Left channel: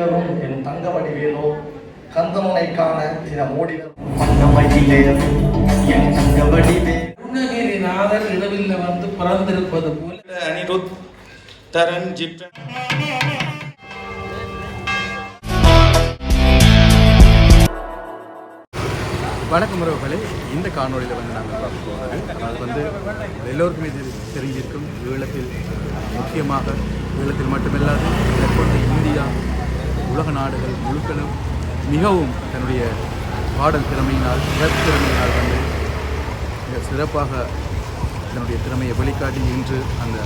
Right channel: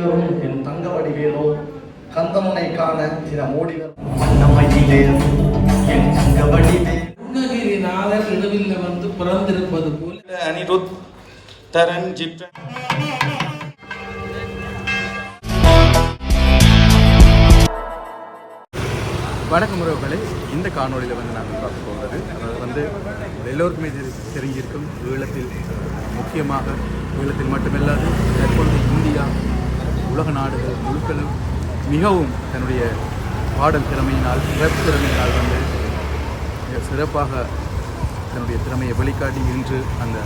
ஏறும் என் தங்கமணி வேலோ கந்தமனை காண தின ஓடி வண்ணமயிலே என் தங்கமணி அருணகிரி நாதர் இரவில் வந்து பிறந்திருப்பது போல அனிருத் தரன் ஜிப்ரன். வணக்கம் உறவுகளே, இந்த காணொலியில் வந்து நாங்கள் பார்க்க போகிறது அதாவது எல்லோருக்குமே தெரிஞ்சிருக்கும் ஈழத்தில் முக்கியமாக ஈழத்தில் மட்டுமில்லாது தற்பொழுது இந்தியா உலக நாடுகள் முழுக்களும் மிகவும் தன்னுடைய பாடல் திறமையினால் திறமையினால் வந்து மிக சிறப்பாக தன்னுடைய திறமையை வெளிக்காட்டி இன்று அந்த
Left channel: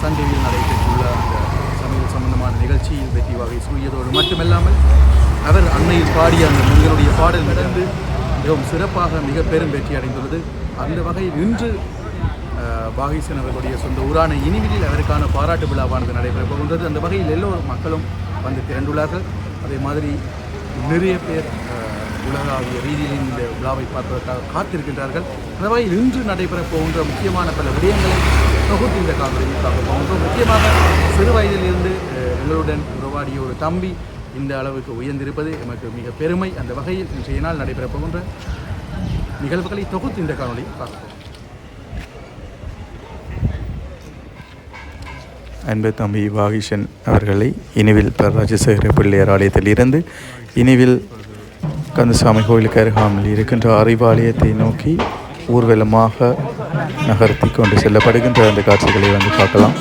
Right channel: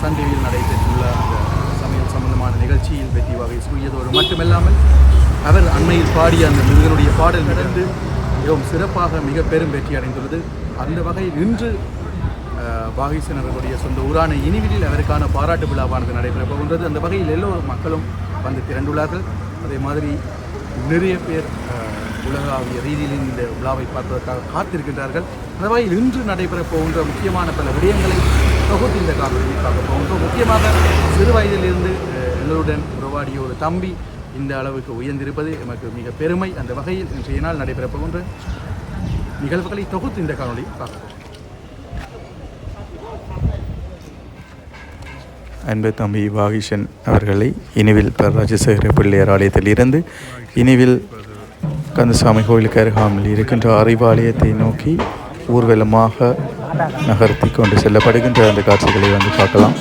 சன் டிவியில் நடைபெற்றுள்ள அந்த சமையல் சம்பந்தமான நிகழ்ச்சியில் வெற்றி வகை சூழியதோடு மட்டுமில்லாமல் அவர் அண்மையில் பாடிய அந்த முருகனுடைய பாடல் நடந்து மிகவும் சிறப்பாக மிக பெரும் வெற்றி அடைந்துள்ளது. அந்த வகையில் இன்று வாகிசன் அவர்களுடைய சொந்த ஊரான இனிவிலில் அவருக்கான பாராட்டு விழாவானது நடைபெறப் போகின்றது. அந்த வகையில் எல்லோரும் மக்களும் வந்து திரண்டுள்ளார்கள். அதே மாதிரி நிறைய பேர் உலகாவிய ரீதியில் இந்த விழாவை பார்ப்பதற்காக காத்திருக்கின்றார்கள். அந்த வகையில் இன்று நடைபெறப் போகின்ற முக்கியமான பல விடயங்களை தொகுத்து இந்த காணொலியில் பார்க்க போகின்றோம். முக்கியமாக சிறு வயதிலிருந்து எங்களுடன் உறவாடிய ஒரு தம்பி இந்த அளவுக்கு உயர்ந்திருப்பது எமக்கு மிக பெருமை. அந்த வகையில் இன்றைய நாள் நடைபெறப் போகின்ற நிகழ்வுகளை தொகுத்து இந்த காணொலி பார்ப்போம். அன்பு தம்பி வாகிஷன் அவர்களை இனிவில் ராஜசேகர பிள்ளையார் ஆலயத்தில் இருந்து இனிவில் கந்தசாமி கோயிலுக்கு அருகாமல் இருக்கின்ற அறிவாலயத்தை நோக்கி ஊர்வலமாக நகர்த்தி கொண்டு செல்லப்படுகின்ற அந்த காட்சிகளை வந்து பார்க்கலாம்.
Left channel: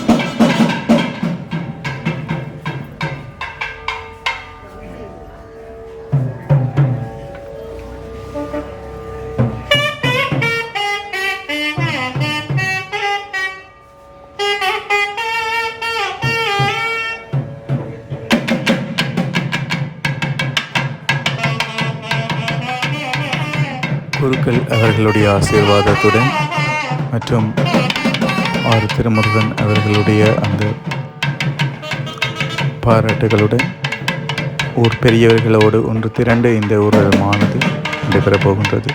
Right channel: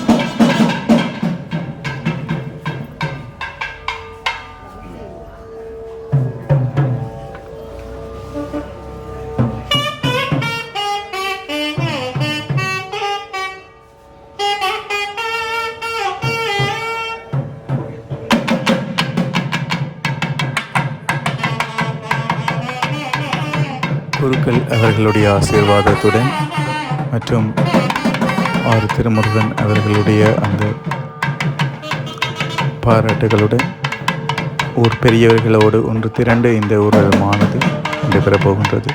குருக்கள் அவர்களுடைய ஆசீர்வாதத்துடன் மற்றும் ஆறு திருமுருகன் அவர்களுடைய அந்த பாராட்டுகளுடன் ஊர் பெரியவர்களோடு ஒன்று திரண்டு இந்த ஊர்வலமானது நடைபெறப் போகின்றது.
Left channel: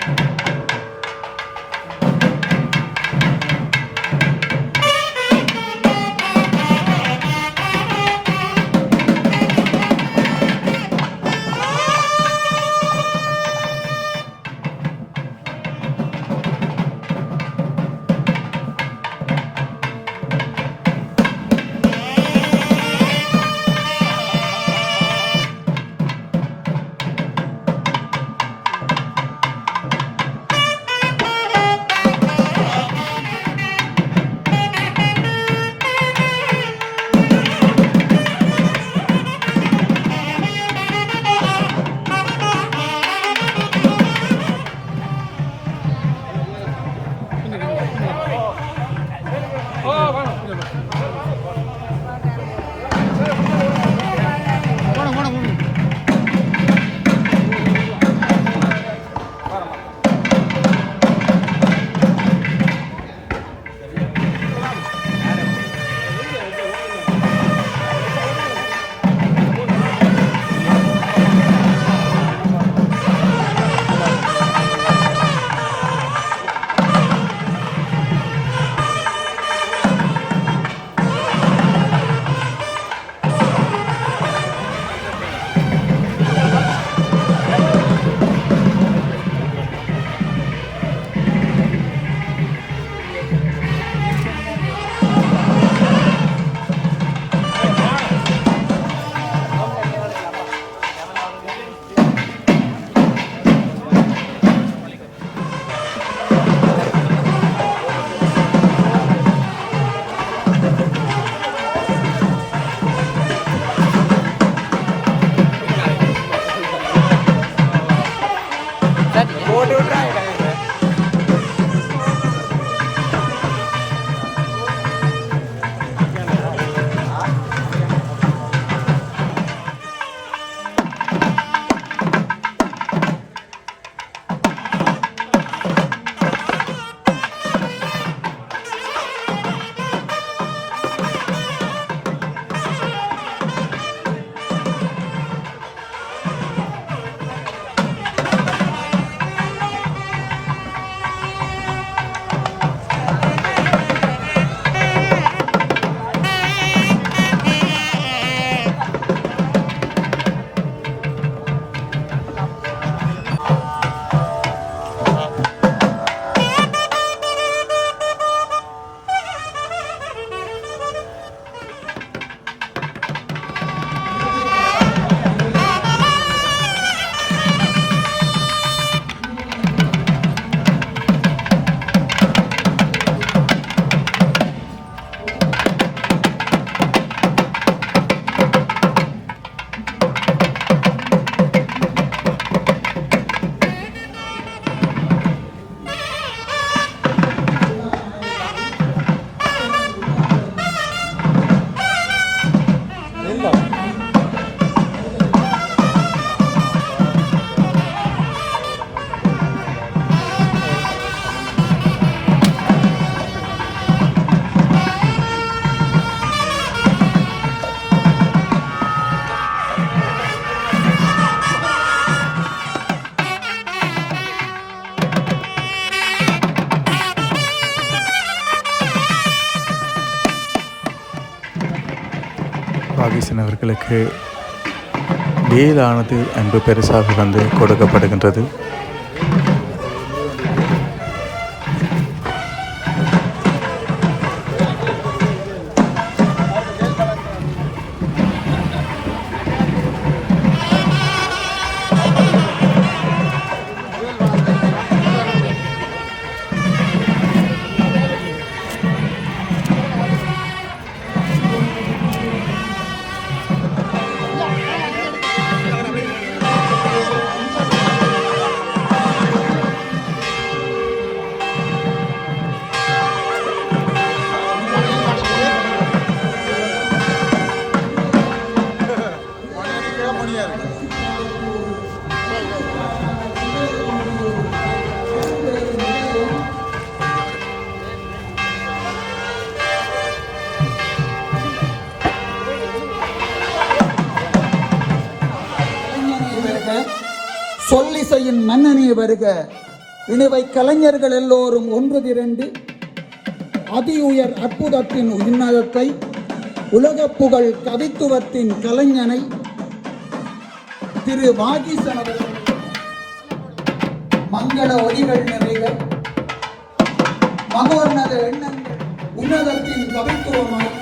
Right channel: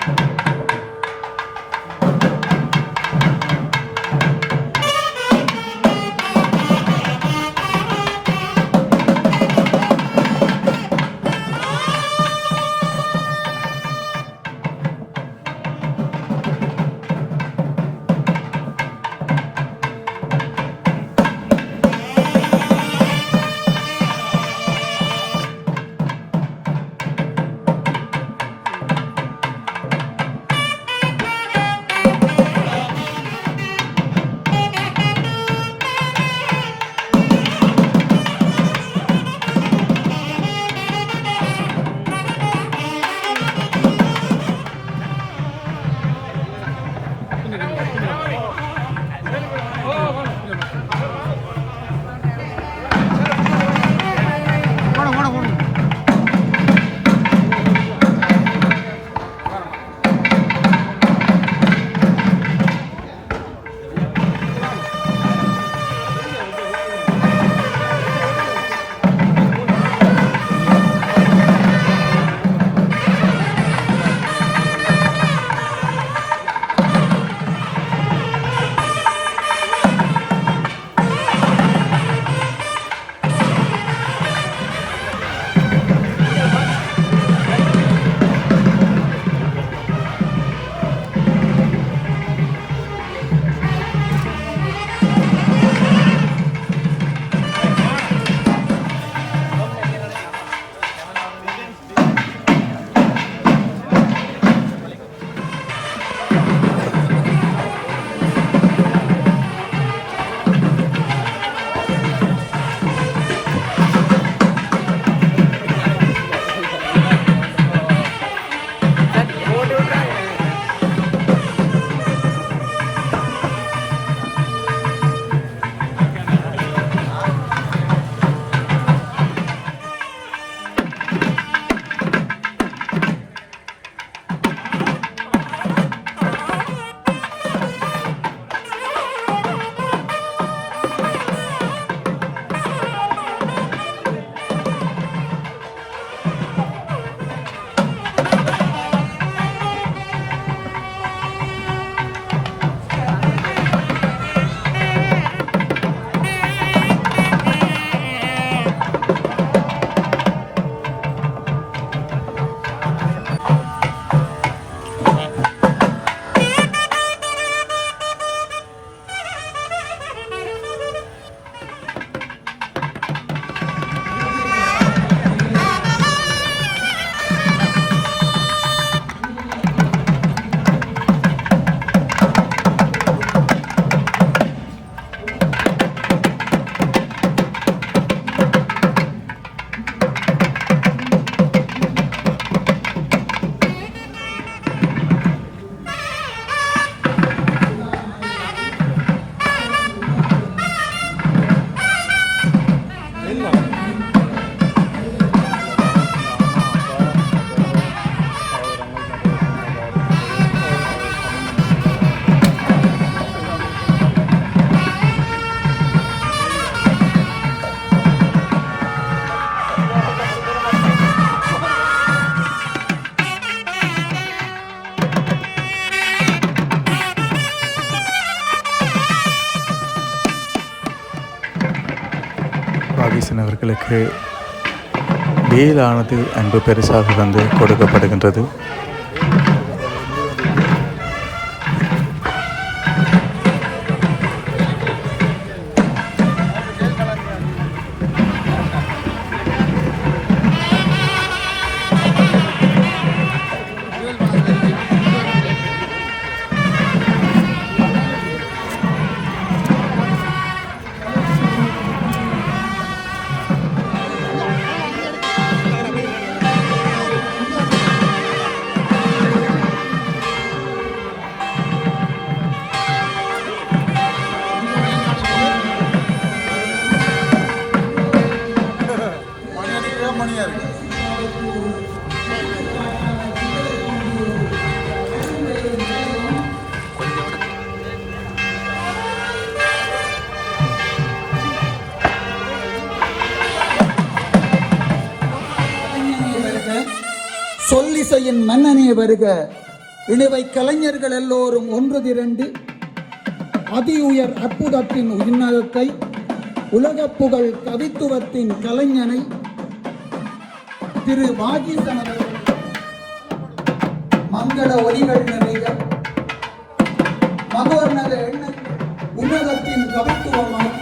வாகீசன் அவர்களுக்கு வேலானது அன்பு பெருசாக வந்து கொடுக்கப்படுகின்றது. சொல்லிசையின் மன்னனே வருக. இணைவை கலைஞர்கள் எல்லோரும் ஒன்று திரண்டு அதி உயர் அற்புதத்தின் உன்னதத்தை, உலக புகழ் கவித்துவத்தின் கலைஞனை திரு வாகீசன் மங்கள ஒலிகள் நிறைக மகோன்னத எண்ணம் உன்னதத்தின் கவித்துவமாய்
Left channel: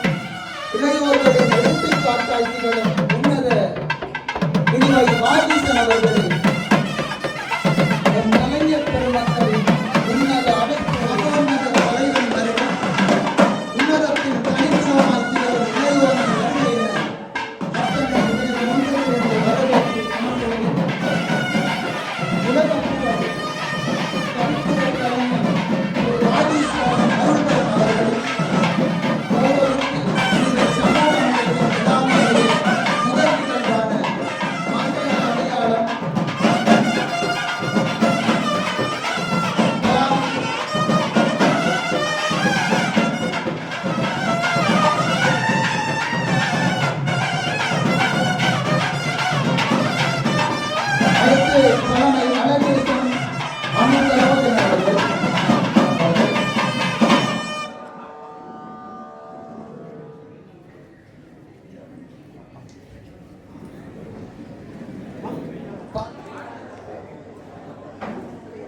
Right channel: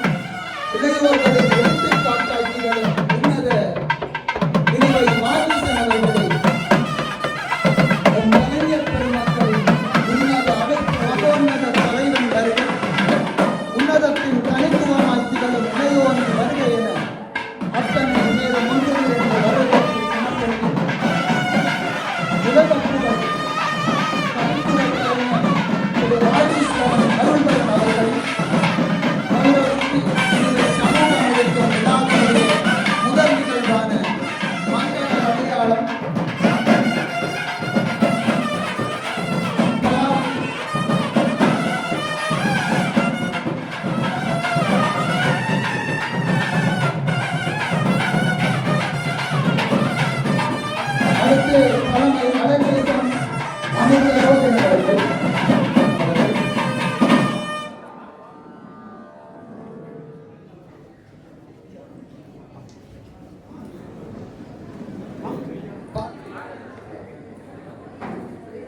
இளையோர்களின் எடுத்துக்காட்டாட்சிகளும் உன்னத இனிவை வாகீசன் அவர்களை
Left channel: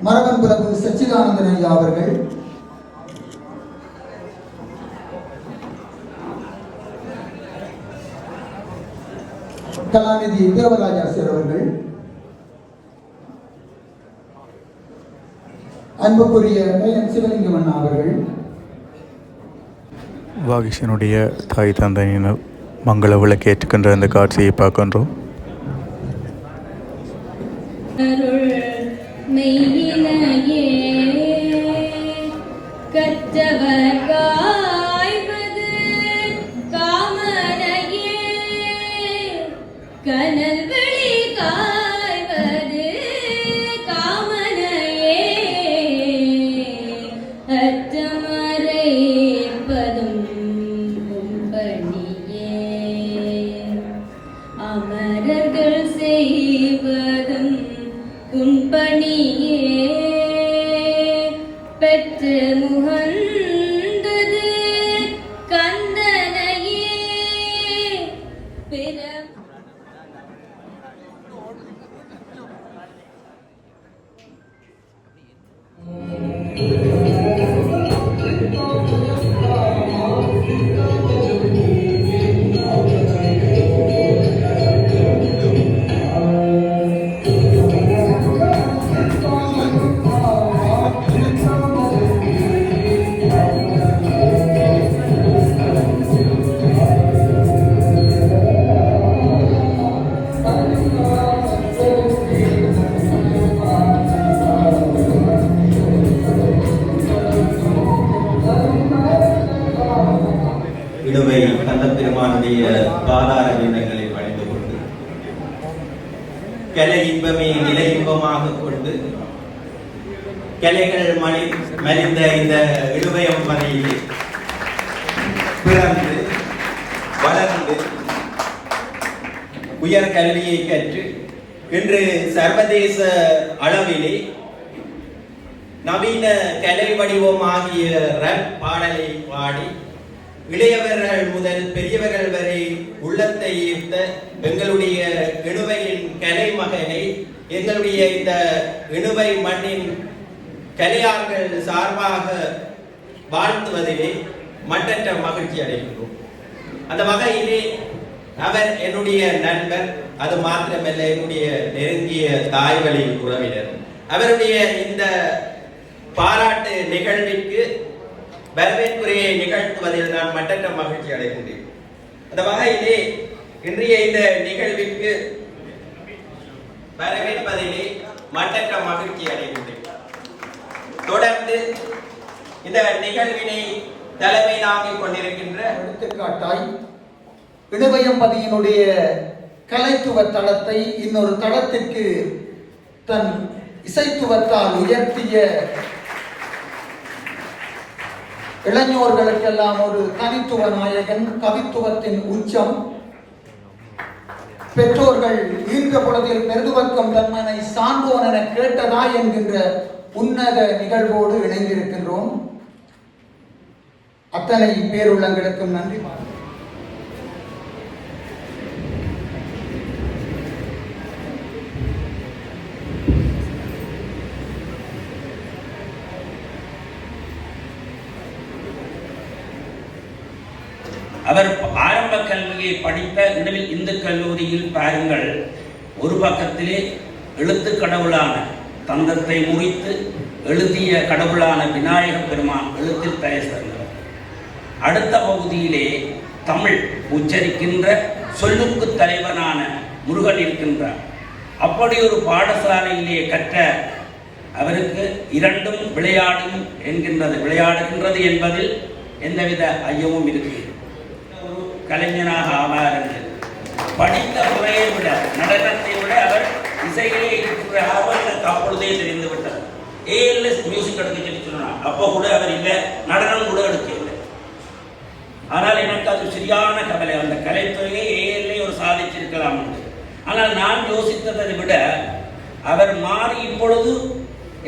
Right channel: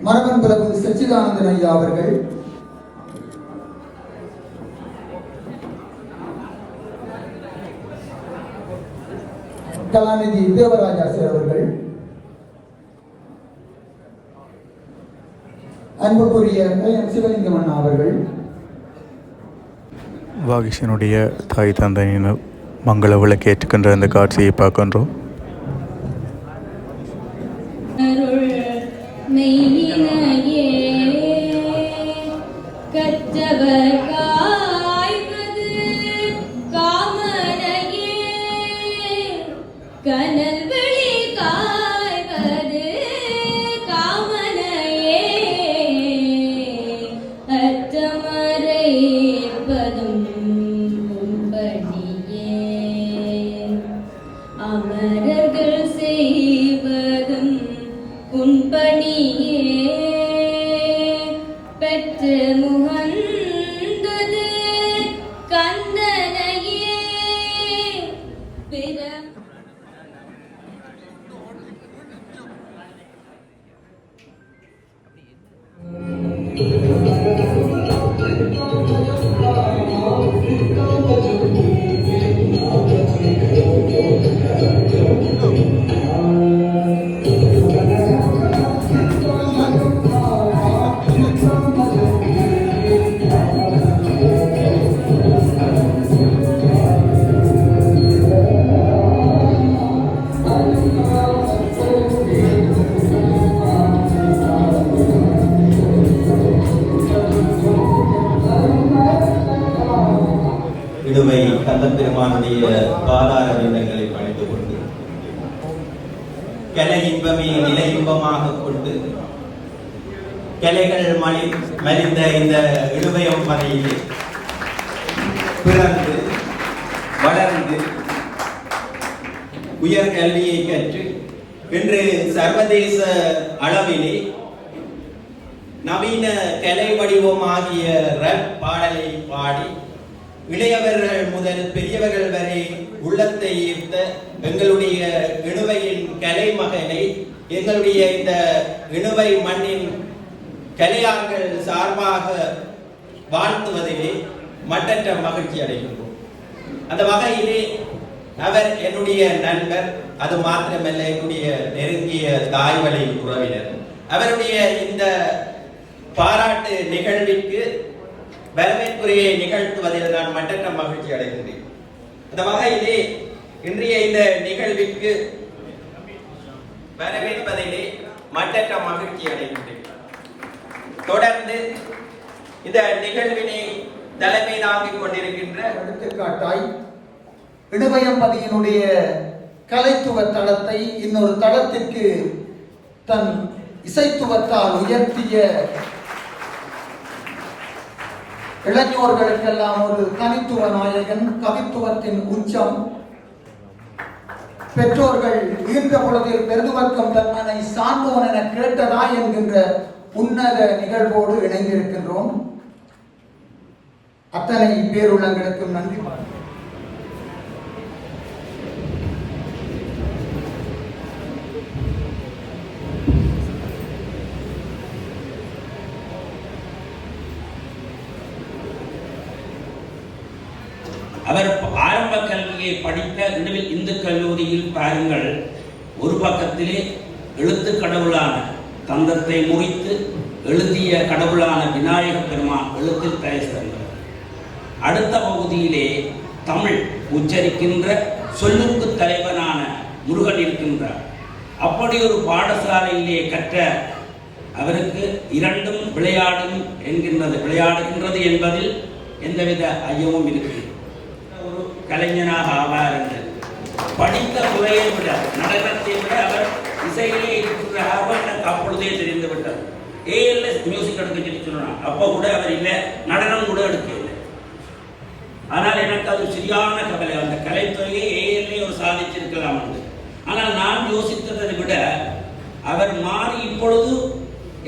மரபன் பிரபு சச்சிதானந்தன் ஐயா அவர்கள், கலாநிதி தேவராஜாசர் அவர்கள், அன்புக்குரிய சிவலிங்கம் அண்ணா அவர்கள், வாகீசனுடைய தாய் தந்தையினர் மங்கள விளக்கு ஏற்றுக்கின்ற இந்த காட்சியை பார்க்கின்றோம். கவிதைகளை பணிந்து கொண்டு கலை இன்பமே நிலை இன்பமாக கொண்டு கலைகள் மலிந்த இந்த இழுவயம் வரையிலே பிறந்து வளர்ந்து உயர் கல்வியை கற்று இன்று சர்வதேச அளவிலே நவீன கலை வடிவமாகிய ரப் பாடலை பாடி இளையவர்கள் முதல் பெரியவர்கள் வரை உள்ளத்தை ஈர்த்த எங்களுடைய இணுவையின் கலை மகனை எங்களுடைய இந்த இணுவை மண்ணின் கலையார்கள் சார்பாக வாழ்த்துவதிலே மட்டற்ற மகிழ்ச்சி அடைகின்றோம். அந்த வகையிலே அவர் என்னுடைய நண்பர், அது மாத்திரமல்ல என்னுடைய நெருங்கிய தாய்வழி உறவினர். அவருடைய இந்த பாராட்டு நிகழ்விற்கு வரவேற்புரையை நிகழ்த்துவதில் நான் மட்டற்ற மகிழ்ச்சி அடைகின்றேன். அந்த வகையிலே இன்றைய இந்த நிகழ்விற்கு வரவேற்பதிலே மட்டற்ற மகிழ்ச்சி அடைகின்றேன். தொடர்ந்து இந்த நிகழ்வினை தலைமை தாங்கிக் கொண்டிருக்கின்ற எடுத்துக்காட்டாய் இடுவயம்பதியினுடைய கலைத்துவ தளத்தை இன்னொரு தளத்திற்கு தன் இசைத்துவத்தால் உயர்த்திய இளைஞர்களுக்கெல்லாம் ஒரு தனித்துவ நாயகன், கவித்துவத்தின் உச்சம். பெற்றோர்கள் ஈர்த்த பொழுதில் பெருதுவக்கம் பெருமனை சான்றோன் என கேட்டதா என்கின்ற உன்னத நிகழ்வோடு இணைந்திருக்கின்றோம். அத்தனை பேருள்ளங்களுக்கும் நன்றி. அவர் ஆரம்ப கல்வியை படித்த இடையில் இந்து கல்லூரியில் பாருங்கள், ஒரு பக்கத்திலே எழுத்து கடவுளான தந்தத்தை முறித்து எழுதிய கடவுளான விநாயக பெருமான் எழுத்தில் தயசிறந்தார். அடுத்த பகுதியிலே தமிழ் உச்சரிக்கின்ற சொல்லுக்கு தலைவனான முருகன் இருக்கின்றார். அப்படி ஒரு பாடசாலையிலே கற்ற அவருக்கு இரண்டும் விளையாடுகின்றது என்பதில் எந்தவித ஐயமும் இருக்கிறது. கலைஞனாக ஆவார் என்று படித்த முறையை விட நடனத்தை விட அவர் இசையிலே இருக்கிற அப்பொழுதே தெரிந்து விட்டார். ஏஎல்எஸ் மியூசிக் எடுக்க சொல்லி சொன்னார். அப்போ கூட அவர் இங்கே நடனம் கூட எடுக்கவில்லை. ஆனால் எனக்கு அது சரியான கவலை. அந்த கலைத்துறையை ஏஎல்ஏ ஒரு சாதிச்சிருக்கலாம் என்று. ஆனால் நான் யோசித்ததை விட அவர் மாறி இப்பொழுது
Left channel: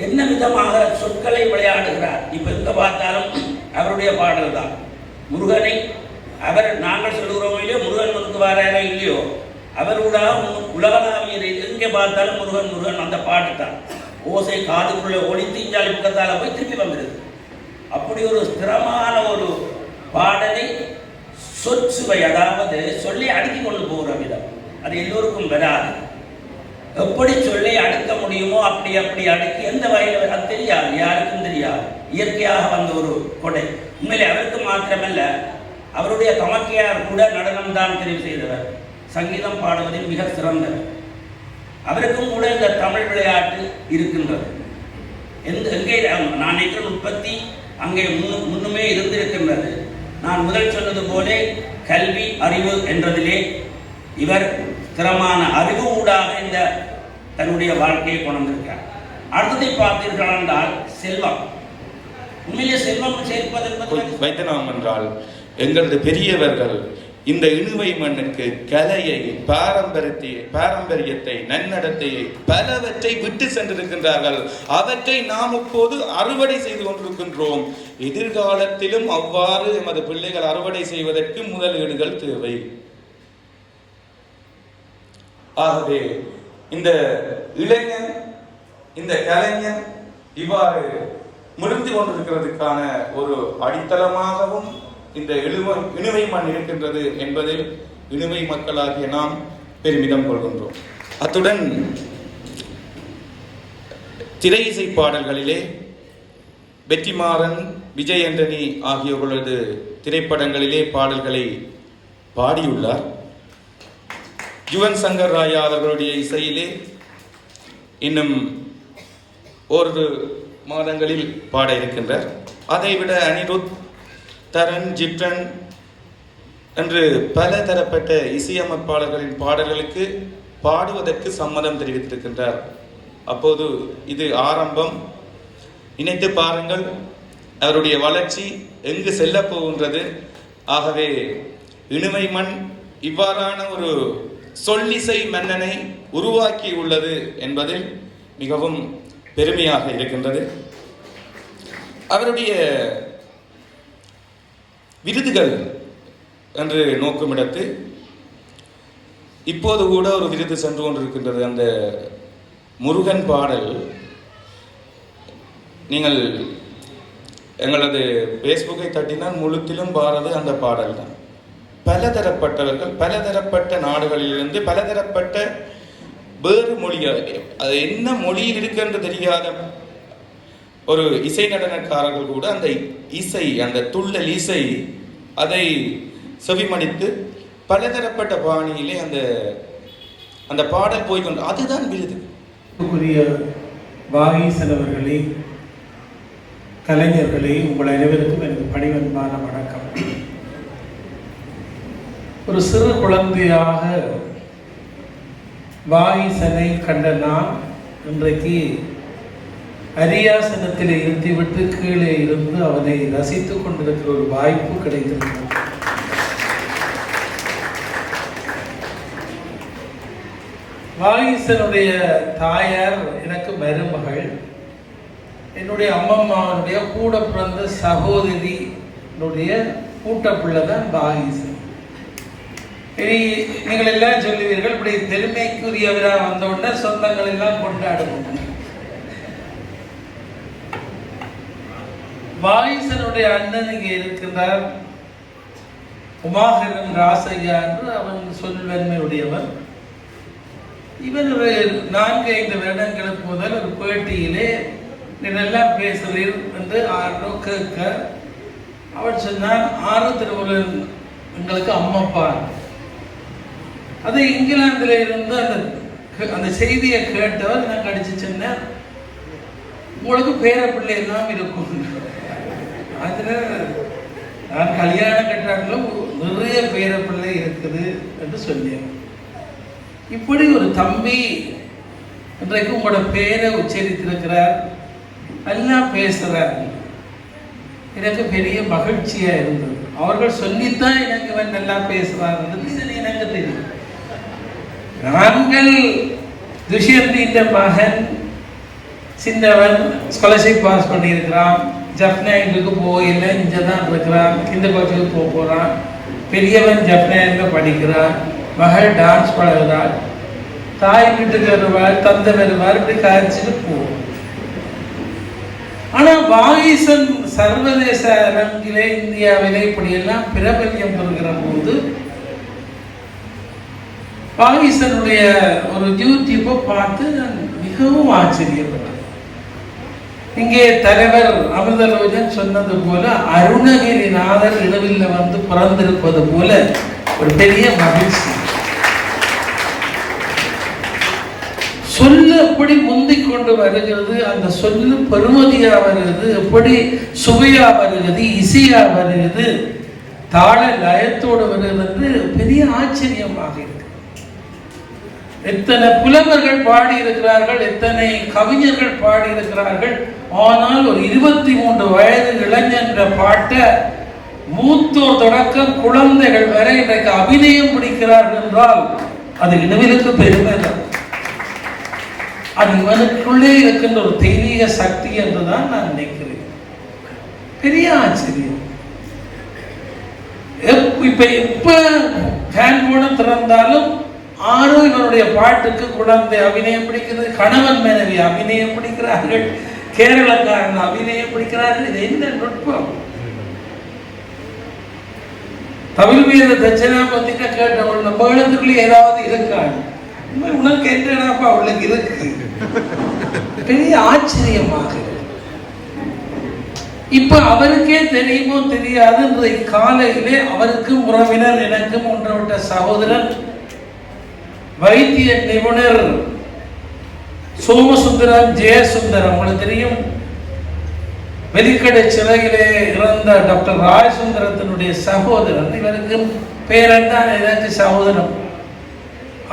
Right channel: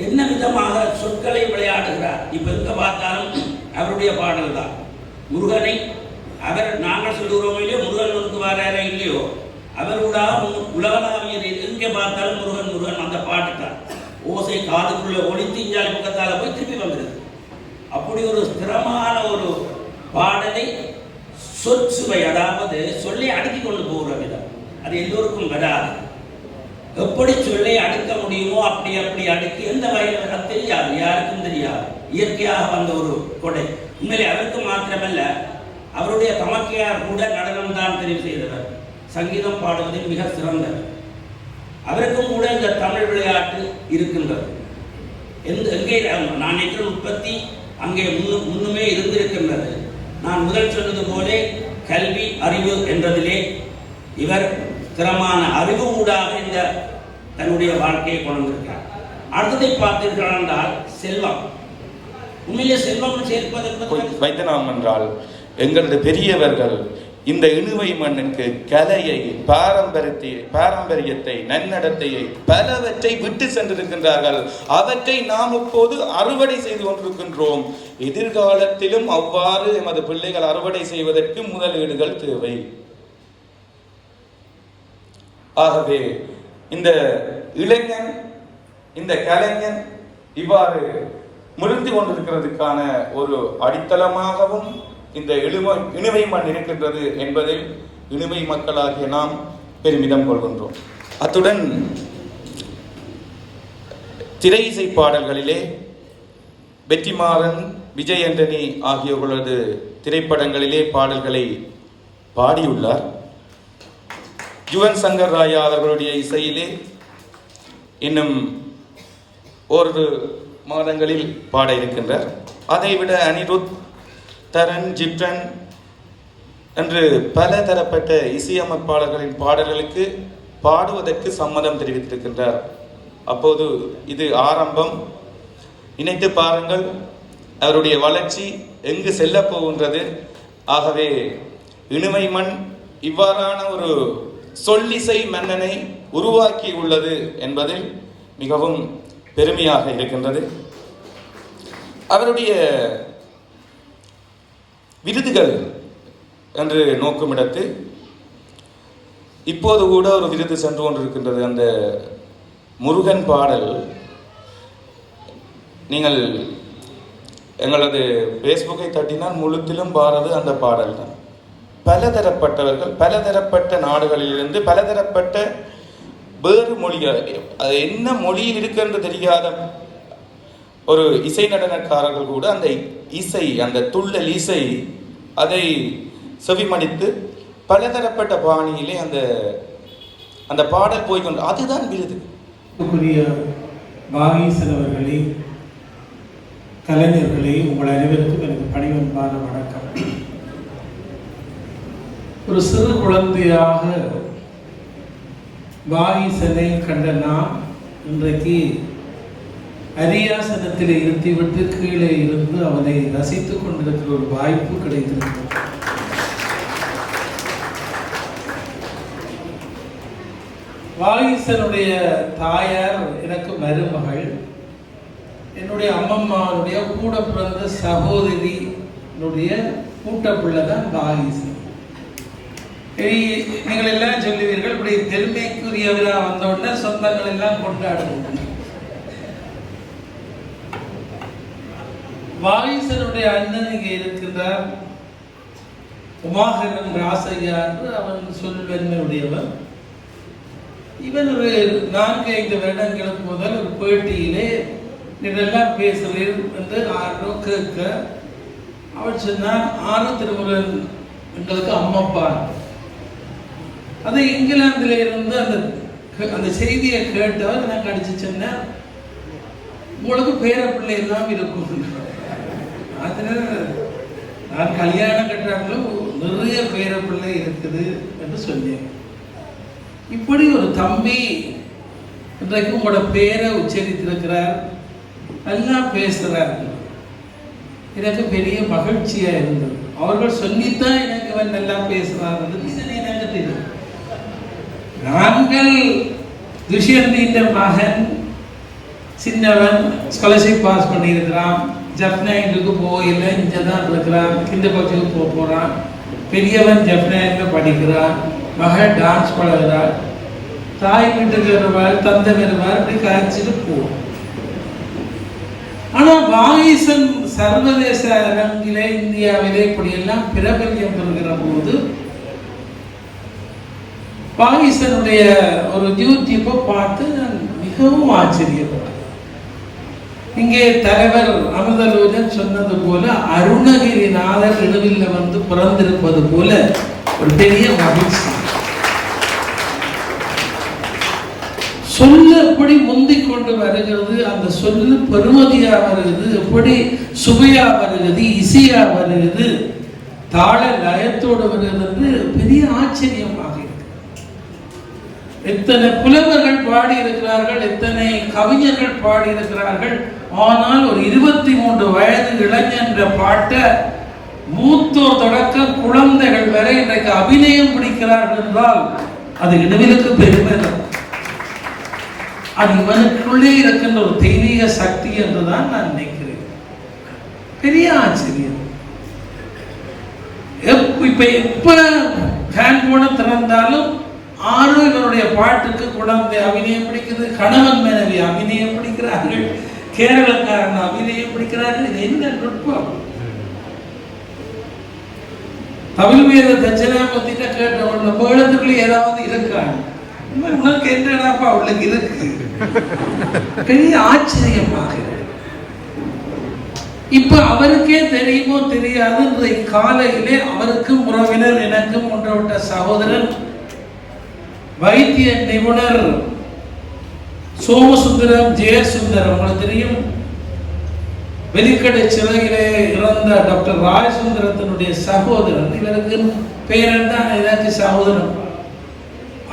என்ன விதமாக சொற்களை விளையாடுகிறார். இப்ப எங்க பார்த்தாலும் அவருடைய பாடல் தான். முருகனை அவர் நாங்கள் சொல்லுகிறோம் இல்லையோ, முருகன் வந்து வாராரோ இல்லையோ, அவரோட உலகளாவிய எங்கே பார்த்தாலும் முருகன் முருகன் அந்த பாட்டு தான். ஓசை காதுக்குள்ள ஒளி தீஞ்சாலி பக்கத்தால போய் திருப்பி வந்துடுது. அப்படி ஒரு ஸ்திரமான ஒரு பாடலை சொற்சுவை, அதாவது சொல்லி அடுக்கி கொண்டு போகிற விதம், அது எல்லோருக்கும் வராது. எப்படி சொல்லை அடுக்க முடியுமோ அப்படி அடுக்கி எந்த வகையில் அது தெரியாது, யாருக்கும் தெரியாது. இயற்கையாக வந்த ஒரு கொடை. உண்மையிலே அவருக்கு மாத்திரமல்ல, அவருடைய தமக்கையார் கூட நடனம் தான் தெரிவு செய்தவர். சங்கீதம் பாடுவதில் மிக சிறந்தவர். அவருக்கும் கூட இந்த தமிழ் விளையாட்டு இருக்கின்றது. எங்கே நான் நினைக்கிற உற்பத்தி அங்கே முன்னுமே இருந்திருக்கின்றது. நான் முதல் சொன்னது போல கல்வி அறிவு என்றதிலே இவர் ஸ்திரமான அறிவு ஊடாக இந்த தன்னுடைய வாழ்க்கையை கொண்டிருக்கிறார். அடுத்ததை பார்த்தீர்கள் என்றால் செல்வம். உண்மையிலே செல்வம் சேர்ப்பது வைத்தனாம் என்றால் எங்களது பெரியவர்கள் இந்த இணுவை மண்ணுக்கு கலையை, பாரம்பரியத்தை, நன்னடத்தையை பலவற்றை விட்டு சென்றிருக்கின்றார்கள். அவற்றை நாம் இப்போது அறுவடை செய்து கொண்டிருக்கின்றோம். எதிர்காலத்திலும் அவ்வாறு எமது பிள்ளைகள் அறுவடை செய்வதற்கு முதலீடுகள் தேவை. ஆகவே இந்த இளைஞன், இந்த கலைஞன் இவ்வாறு முறிந்து கொண்டிருக்கிறதுக்கான ஒரு அடித்தளமாகவும் இந்த இணுவை மண் இருக்கின்றது என்பதில் இணுவை மக்களாகிய நாம் பெருமிதம் கொள்கின்றோம். அத்துடன் திரை இசை பாடல்களிலே வெற்றிமாறன், விஜய் ஆண்டனி ஆகியோர்களது திரைப்படங்களிலே பாடல்களை பாடியுள்ளார். யுவன் சங்கர் ராயா அவர்களுடைய இசையிலே இன்னும் ஒரு மாதங்களில் பாட இருக்கின்றார். அதைவிட அனிருத், தரன், ஜிப்டன், என்று பல தரப்பட்ட இசையமைப்பாளர்களின் பாடல்களுக்கு பாடுவதற்கு சம்மதம் தெரிவித்திருக்கின்றார். அப்போது இது ஆரம்பம். நினைத்து பாருங்கள் அவருடைய வளர்ச்சி எங்கு செல்ல போகின்றது. ஆகவே இணுமை மண் இவ்வாறான ஒரு சொல்லிசை மன்னனை உருவாக்கி உள்ளது என்பதில் மிகவும் பெருமையாக இருக்கின்றது. அவருடைய விருதுகள் என்று நோக்குமிடத்து இப்போது கூட ஒரு விருது சென்று கொண்டிருக்கின்றது. அந்த முருகன் பாடல் நீங்கள் எங்களது ஃபேஸ்புக்கை தட்டினால் முழுத்திலும் பாரது அந்த பாடல் தான். பலதரப்பட்டவர்கள் பலதரப்பட்ட நாடுகளிலிருந்து பலதரப்பட்ட வேறு மொழிகள், அது என்ன மொழியில் இருக்குன்னு தெரியாத ஒரு இசை நடனக்காரர்கள் கூட அந்த இசை, அந்த துள்ளல் இசை அதை செவிமடித்து பலதரப்பட்ட பாணியிலே அந்த அந்த பாடல் போய்கொண்டு அதுதான் விருது. வாகீசன் அவர்களே, கலைஞர்களே, உங்கள் அனைவருக்கும் எனக்கு பணிவன்பான வணக்கம். ஒரு சிறு குழந்தையாக வாகீசனை கண்ட நான் இன்றைக்கு அரியாசனத்தில் இருத்திவிட்டு கீழே இருந்து அவனை ரசித்துக் கொண்டிருக்கிற ஒரு வாய்ப்பு கிடைத்திருக்கிறது. வாகீசனுடைய தாயார் எனக்கு மருமகள், என்னுடைய அம்மம்மாவுடைய கூட பிறந்த சகோதரியினுடைய கூட்டப்பிள்ளை தான் வாகீசன். நீங்கள் எல்லாம் சொல்லுவீர்கள், இப்படி பெருமைக்குரியவராக வந்தவுடனே சொந்தங்கள் எல்லாம் கொண்டாடுவோம். வாகீசனுடைய அண்ணன் இங்கே இருக்கின்றார், உமாகரன் ராசையா என்று அவன் சொல்வன்மையுடையவன். இவன் ஒரு 4-5 வருடங்களுக்கு முதல் ஒரு பேட்டியிலே இதெல்லாம் பேசுகிறேன் என்று ஆரோ கேட்க அவன் சொன்னான், ஆறு திருமுருகன் எங்களுக்கு அம்மப்பா. அது இங்கிலாந்துல இருந்து அந்த செய்தியை கேட்டவர் எனக்கு அடிச்சு சொன்னேன், உங்களுக்கு பேர பிள்ளை எல்லாம் இருக்கும். அதுல நான் கல்யாணம் கட்டுறாங்களும் நிறைய பேர பிள்ளை இருக்குது என்று சொன்னேன். இப்படி ஒரு தம்பி இன்றைக்கு உங்களோட பேரை உச்சரித்திருக்கிறார், நல்லா பேசுறார். எனக்கு பெரிய மகிழ்ச்சியா இருந்தது. அவர்கள் சொல்லித்தான் எனக்கு இவன் நல்லா பேசுறாங்க எனக்கு தெரியும். நாங்கள் துஷ்யந்தின் மகன் சின்னவன் ஸ்காலர்ஷிப் பாஸ் பண்ணியிருக்கிறான், ஜப்னாயிலுக்கு போயில இங்கதான் இருக்கிறான், இந்த பக்கத்துக்கு போறான். பெரியவன் ஜப்னாயில படிக்கிறான், மகள் டான்ஸ் பழகிறாள், தாய் வீட்டுக்கு வருவாள், தந்தை வருவார், இப்படி காய்ச்சிட்டு போவோம். ஆனா வாகீசன் சர்வதேச அரங்கிலே இந்தியாவிலே இப்படியெல்லாம் பிரபல்யம் பெறுகிற போது வாகீசனுடைய ஒரு யூடியூப்பை பார்த்து நான் மிகவும் ஆச்சரியப்பட்டேன். இங்கே தலைவர் அமிர்தலோஜன் சொன்னது போல அருணகிரிநாதர் இரவில் வந்து பிறந்திருப்பது போல ஒரு பெரிய மகிழ்ச்சி. சொல்ல எப்படி முந்திக் கொண்டு வருகிறது, அந்த சொல்லு பெருமதியா வருகிறது, எப்படி சுவையா வருகிறது, இசையா வருகிறது, தாள லயத்தோடு வருகிறது என்று பெரிய ஆச்சரியமாக இருக்கு. எத்தனை புலவர்கள் பாடி இருக்கிறார்கள், எத்தனை கவிஞர்கள் பாடி இருக்கிறார்கள். ஆனால் ஒரு 23 வயது இளைஞன்ற பாட்டை மூத்தோர் தொடக்கம் குழந்தைகள் வரை இன்றைக்கு அபிநயம் பிடிக்கிறார்கள் என்றால் அது இனவிலுக்கு பெருமை தான். அது இவனுக்குள்ளே இருக்கின்ற ஒரு தெய்வீக சக்தி என்றுதான் நான் நினைக்கிறேன். பெரிய ஆச்சரியம். இப்ப எப்ப ஃபேன் போன திறந்தாலும் ஆறு இவருடைய பாட்டுக்கு குழந்தை அபிநயம் பிடிக்கிறது, கணவன் மனைவி அபிநயம் பிடிக்கிறார்கள், கேரளக்காரன் அபிநயம் பிடிக்கிறார்கள். இது என்ன நுட்பம்? தமிழ் வேத தட்சிணாமூர்த்திட்ட கேட்ட மேளத்துக்குள்ள ஏதாவது இருக்காங்க, உனக்கு என்னடாப்பா அவளுக்கு இருக்கு. பெரிய ஆச்சரியமாக. இப்ப அவருக்கே தெரியுமோ தெரியாது, இன்றைக்கு காலையிலே அவருக்கும் உறவினர், எனக்கும் ஒன்றோட்ட சகோதரன் வைத்திய நிபுணர் சோமசுந்தரம் ஜெயசுந்தரம், உங்களுக்கு தெரியும், வெலிக்கடை சிறையிலே இறந்த டாக்டர் ராஜசுந்தரத்தினுடைய சகோதரன், இவருக்கு பேரன் தான் ஏதாச்சும் சகோதரன்.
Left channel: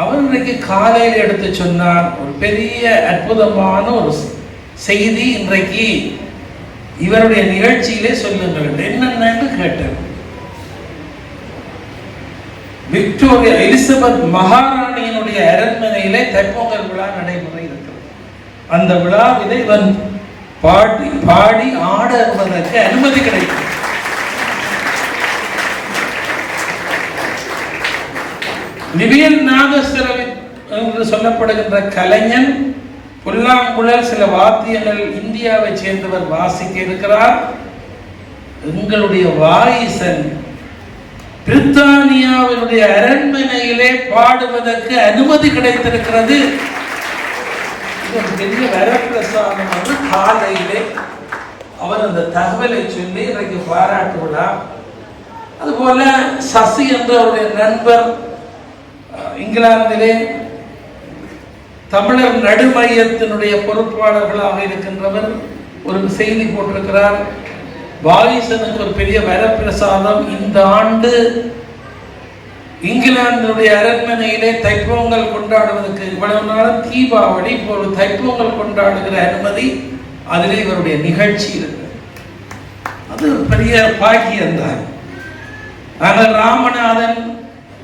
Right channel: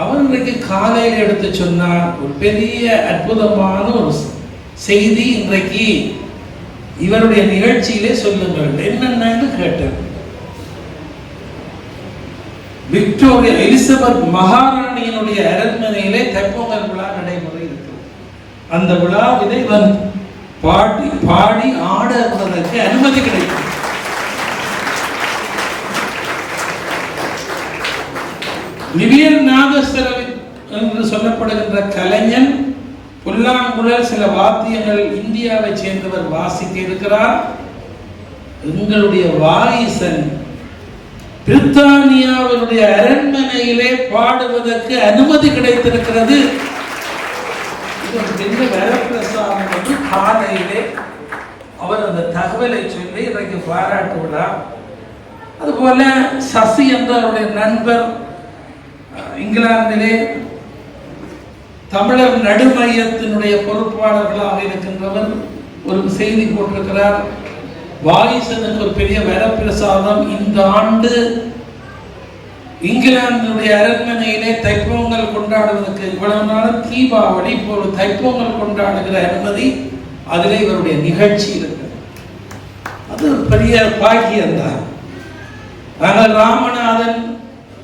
அவர் இன்றைக்கு காலையில் எடுத்து சொன்னார் ஒரு பெரிய அற்புதமான ஒரு செய்தி. இன்றைக்கு இவருடைய நிகழ்ச்சியிலே சொல்லுங்கள் என்னென்னு கேட்டேன். விக்டோரியா எலிசபெத் மகாராணியினுடைய அரண்மனையிலே தைப்பொங்கல் விழா நடைமுறை இருக்கிறது. அந்த விழாவிலே இவன் பாடி ஆடுவதற்கு அனுமதி கிடைக்கும். நிவியல் நாதஸ்வரம் என்று சொல்லப்படுகின்ற கலைஞன் புல்லாங்குழல் சில வாத்தியங்கள் இந்தியாவை சேர்ந்தவர் வாசிக்க இருக்கிறார். எங்களுடைய வாயிசன் பிரித்தானியாவினுடைய அரண்மனையிலே பாடுவதற்கு அனுமதி கிடைத்திருக்கிறது. இது ஒரு பெரிய வரப்பிரசாதம் என்று காலையிலே அவர் அந்த தகவலை சொல்லி இன்றைக்கு பாராட்டுகிறார். அதுபோல சசி என்ற அவருடைய நண்பர் இங்கிலாந்திலே தமிழர் நடுமையத்தினுடைய பொறுப்பாளர்களாக இருக்கின்றவர் ஒரு செய்தி போட்டிருக்கிறார். வாரிசனுக்கு ஒரு பெரிய வரப்பிரசாதம். இந்த ஆண்டு இங்கிலாந்தினுடைய அரண்மனையிலே தைப்பொங்கல் கொண்டாடுவதற்கு இவ்வளவு நாள் தீபாவளி, இப்போது தைப்பொங்கல் கொண்டாடுகிற அனுமதி அதிலே இவருடைய நிகழ்ச்சி இருக்கு. அது பெரிய பாக்கியம்தான். நாங்கள் ராமநாதன்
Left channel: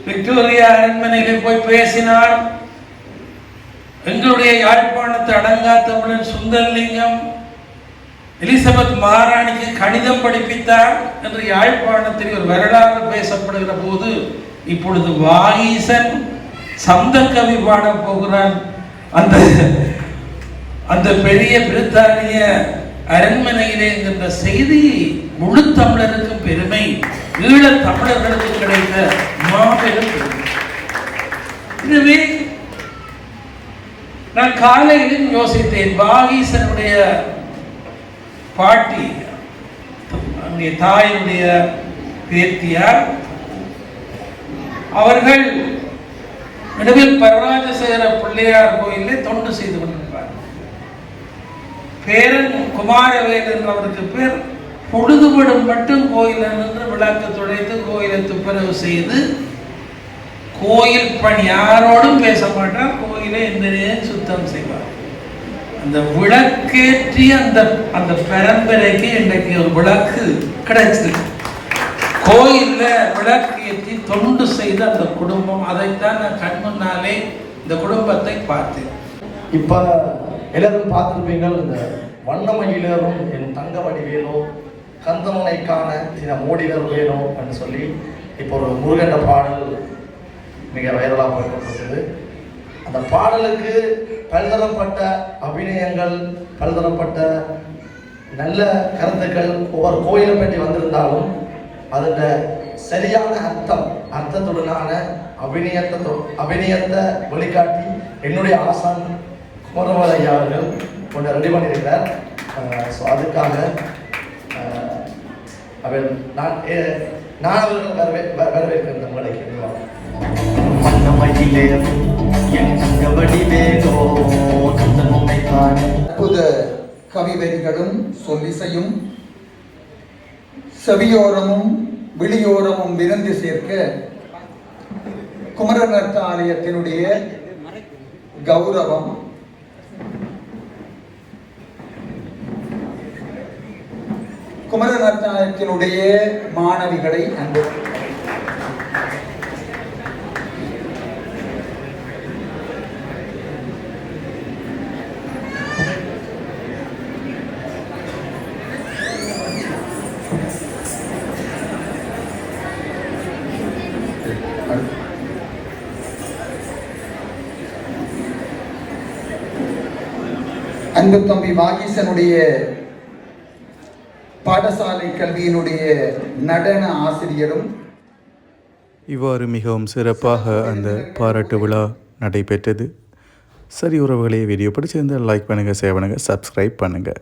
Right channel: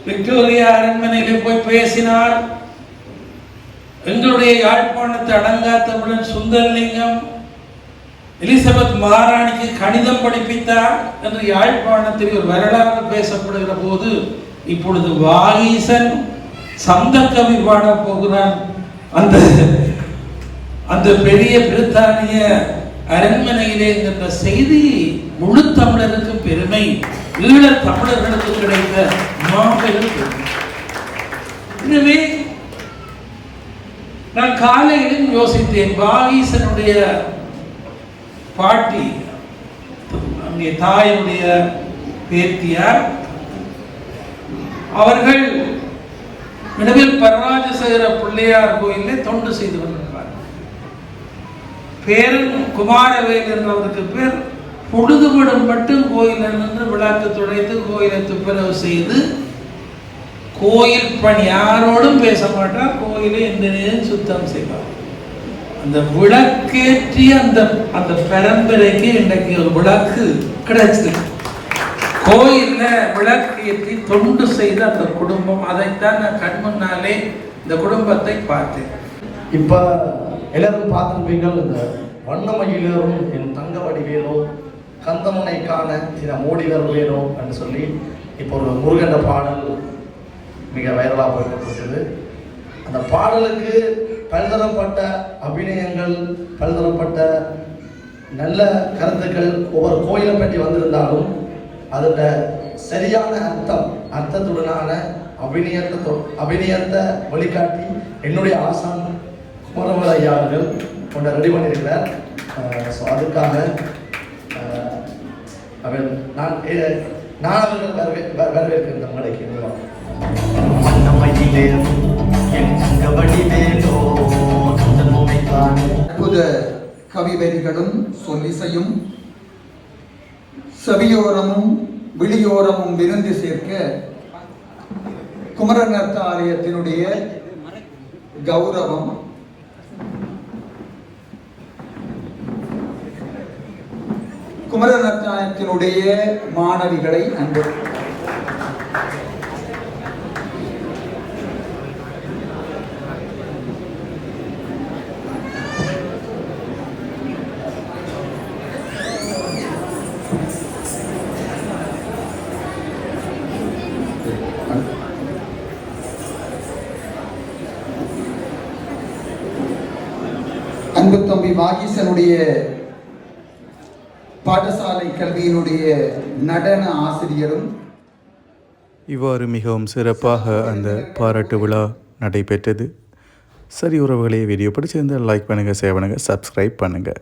விக்டோரியா அரண்மனைக்கு போய் பேசினார். எங்களுடைய யாழ்ப்பாணத்து அடங்கா தமிழன் சுந்தரலிங்கம் எலிசபெத் மகாராணிக்கு கணிதம் படிப்பித்தார் என்று யாழ்ப்பாணத்தில் ஒரு வரலாறு பேசப்படுகிற போது இப்பொழுது வாகீசன் சந்த கவி பாட போகிறான். அந்த பெரிய பிரித்தானிய அரண்மனையிலே என்கின்ற செய்தி முழு தமிழருக்கும் பெருமை, ஈழ தமிழர்களுக்கு கிடைத்த மாபெரும் பெருமை. எனவே நான் காலையிலும் யோசித்தேன், வாகீசனுடைய பாட்டி தாயினுடைய பேத்தியார் அவர்கள் நடுவில் பரராஜசேகர பிள்ளையார் கோயிலே தொண்டு செய்து கொண்டிருக்கிறார். பேரன் குமாரவேல் என்றவருக்கு பேர் பொழுதுபடும் மட்டும் கோயில் நின்று விளக்கு துடைத்து கோயிலை துப்புரவு செய்து கோயில் பணி யாரோடும் பேச மாட்டார், கோயிலை எந்த சுத்தம் செய்வார். அந்த விளக்கேற்றிய அந்த பரம்பரைக்கு இன்றைக்கு ஒரு விளக்கு கிடைச்சிருக்கு. கோயில்ல விளக்கேற்றி தொண்டு செய்த அந்த குடும்பம், அதைத்தான் நான் கண்முன்னாலே இந்த குடும்பத்தை பார்த்தேன். இப்ப எல்லாரும் பார்த்துருப்பீங்கள், இந்த வண்ணமயிலேறும் என் தங்க வடிவேலோ கந்தமனை காண சில மோடிகள் வேலோ என்று சொல்லி இப்போ ஒரு முருகன்ற பாடல் மிக வைரலாக போய்கொண்டிருக்கிறது. அந்த பாடலுக்கு பல்தரப்பட்ட அபிநயங்கள், பல்தரப்பட்ட நல்ல கருத்துக்கள் ஒவ்வொரு கோயிலை பற்றி வந்திருந்தாலும் அதோட சரியான அர்த்தத்துடனான அபிநயத்தை வழிகாட்டி என்னுடைய ஆசான் குமரமலை ஐயா அவர்கள் கொண்டு ரெடி பண்ணியிருக்கிறார். ஸோ அதுக்காக நான் அவர்கள் வரவேற்கின்ற மலைக்கு அற்புத கவிவரிகளும் சொல்லிசையும் செவியோரமும் விழியோரமும் விருந்து சேர்க்க குமரநர்த்த ஆலயத்தினுடைய கௌரவம் குமரநர்த்தாலயத்தினுடைய மாணவிகளை அன்பு அன்பு தம்பி வாகீசனுடைய பாடசாலை கல்வியினுடைய நடன ஆசிரியரும். இவ்வாறு மிகவும் சிறப்பாக அந்த பாராட்டு விழா நடைபெற்றது. சரி உறவுகளே, வீடியோ பிடிச்சிருந்தால் லைக் பண்ணுங்கள், ஷேர் பண்ணுங்கள், சப்ஸ்கிரைப் பண்ணுங்கள்.